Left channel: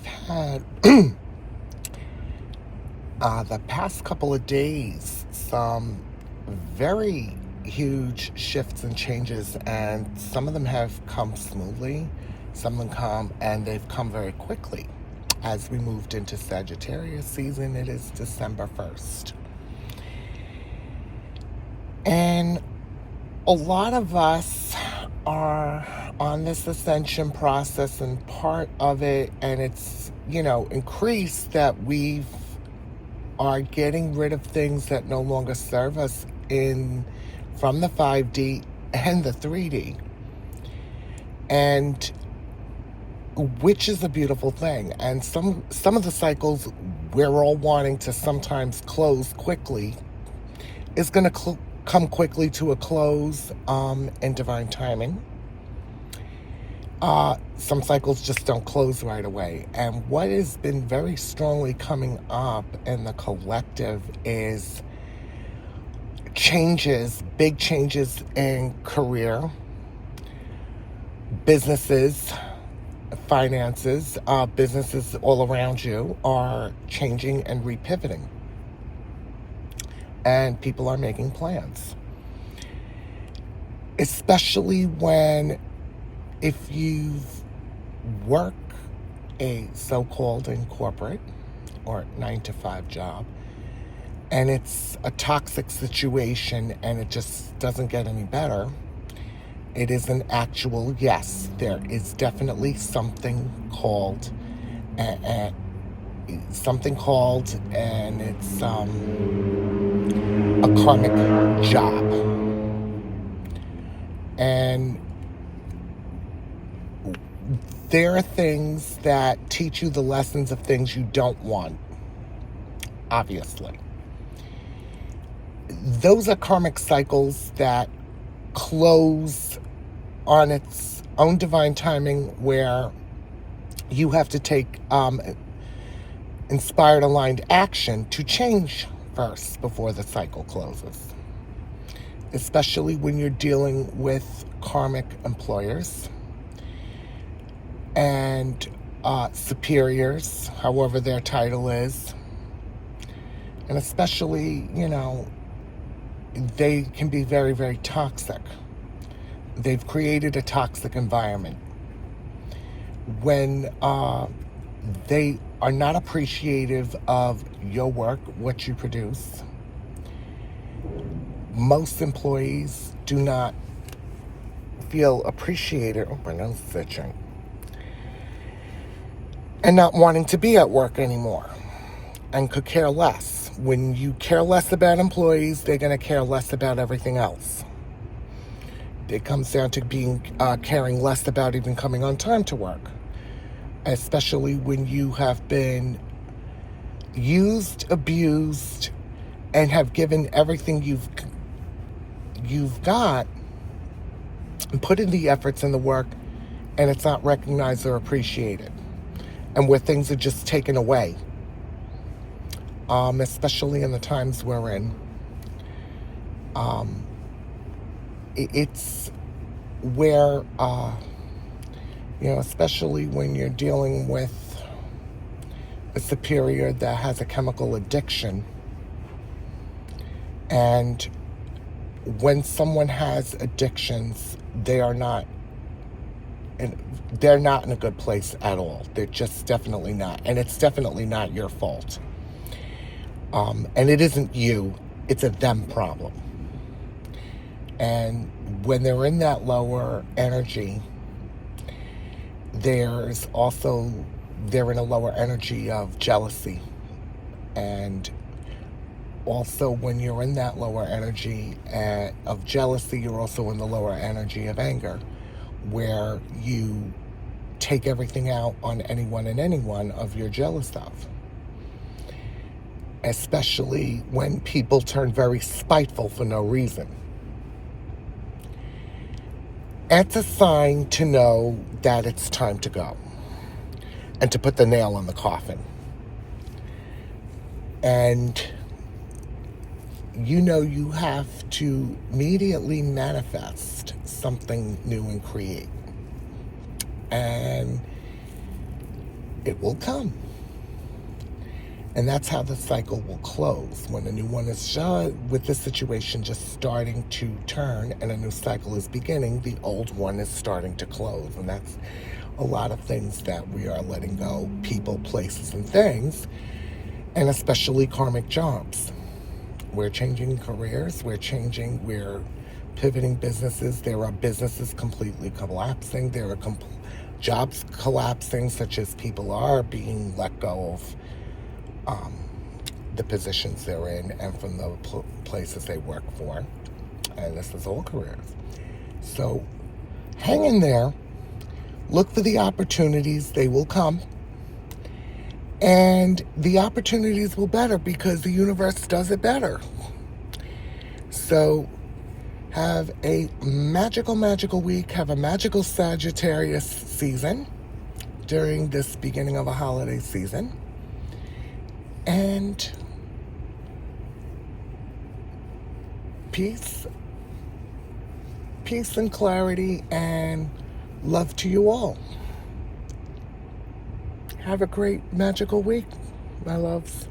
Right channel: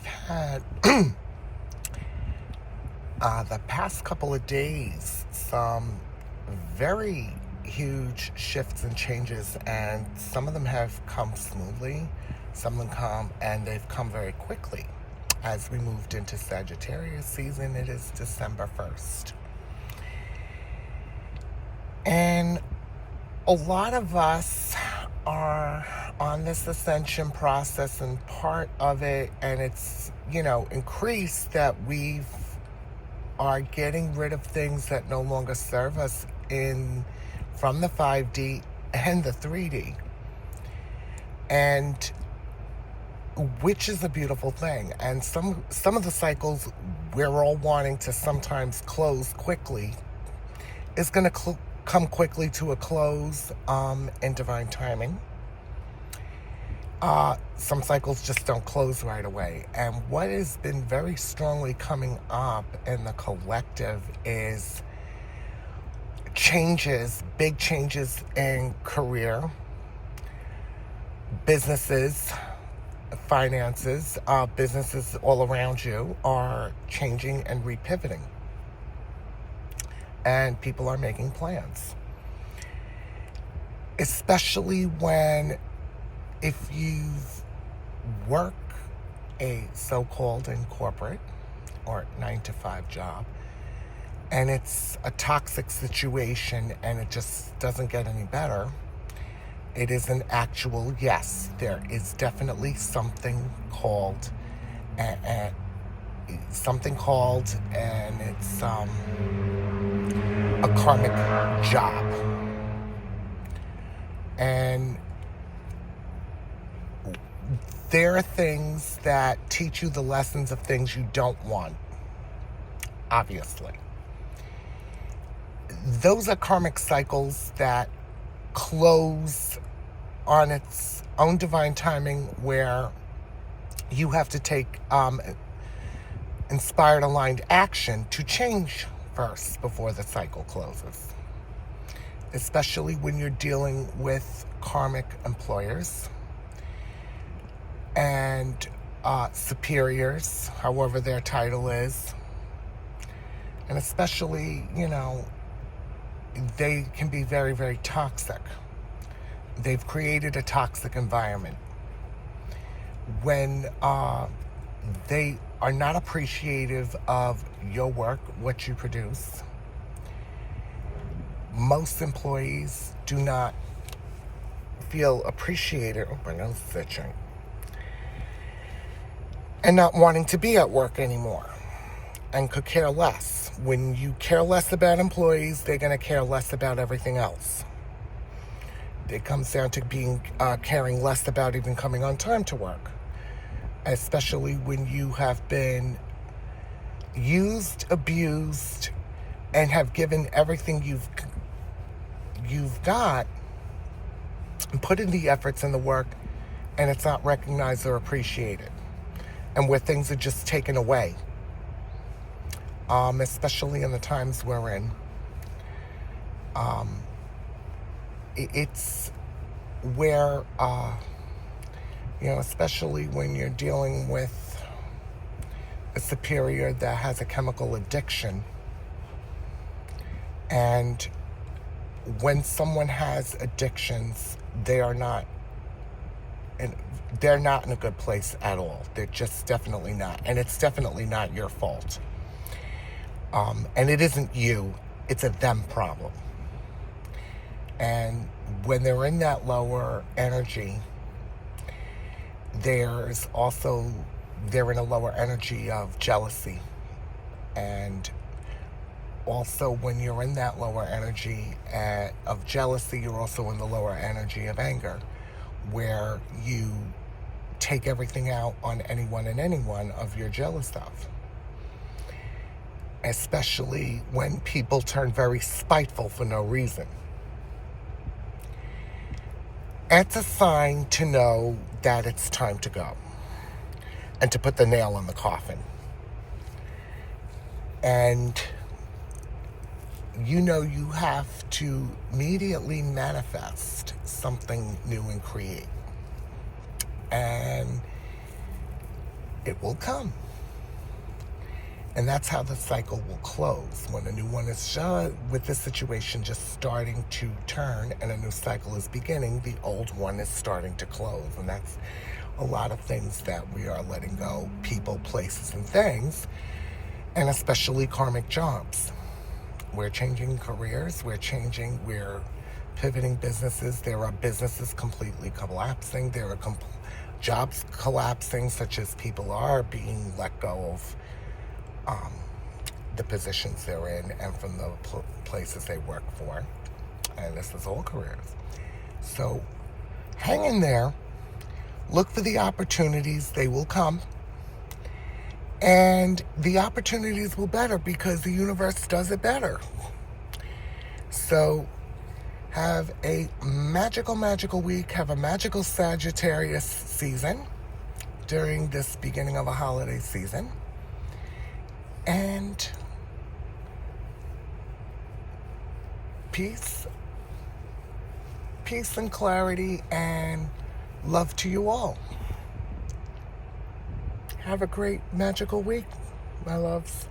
we've had the past couple of days some very huge shifts and changes, and some of them have come smoothly, some of them come and they've come very quickly. As we moved into Sagittarius season, it is December 1st. And a lot of us are on this ascension process, and part of it, and it's, increased, that we are getting rid of things that no longer serve us from the 5D and the 3D. And which is a beautiful thing. And some of the cycles we're all wanting to sometimes close quickly is going to come quickly to a close in divine timing. Some cycles just don't close right away. And what has been very strongly coming up in the collective is changes, big changes in career, businesses, finances. Businesses all around you are changing and repivoting. And people are making plans. Especially if you work a so-called in corporate or 9-to-5 job, and it's a toxic situation and it just doesn't get any better, it is an actual, yes, there is definitely something called, and it's a karmic job. And there are things that teach you the lessons of things you don't want, obviously. Those are karmic cycles that close on its own divine timing, where you have to take inspired, aligned action to change first before the cycle closes. Especially when you're dealing with karmic employers and superiors, however their title is. And especially, they can be very, very toxic. They've created a toxic environment. When they are not appreciative of your work, what you produce, most employees do not feel appreciated. Oh, my nose is itching. And not wanting to be at work anymore, and could care less. When you care less about employees, they're going to care less about everything else. It comes down to caring less about even coming on time to work, especially when you have been used, abused, and have given everything you've got and put in the efforts and the work, and it's not recognized or appreciated, and where things are just taken away. Especially in the times we're in. It's where, especially when you're dealing with a superior that has a chemical addiction. And when someone has addictions, they're not in a good place at all. They're just definitely not. And it's definitely not your fault. And it isn't you, it's a them problem. And when they're in that lower energy, they're in a lower energy of jealousy. And also when you're in that lower energy of jealousy, you're also in the lower energy of anger, where you take everything out on anyone and anyone of you're jealous of. Especially when people turn very spiteful for no reason. That's a sign to know that it's time to go and to put the nail in the coffin. And you have to immediately manifest something new and create. And it will come. And that's how the cycle will close. When a new one is with this situation just starting to turn and a new cycle is beginning, the old one is starting to close. And that's a lot of things that we are letting go, people, places, and things, and especially karmic jobs. We're changing careers, we're pivoting businesses. There are businesses completely collapsing. There are jobs collapsing, such as people are being let go of the positions they're in and from the places they work for. And this is all careers. So hang in there. Look for the opportunities. They will come. And the opportunities will better because the universe does it better. So have a magical, magical week. Have a magical Sagittarius season during this beginning of a holiday season. And peace and clarity and love to you all. Have a great magical week, my loves.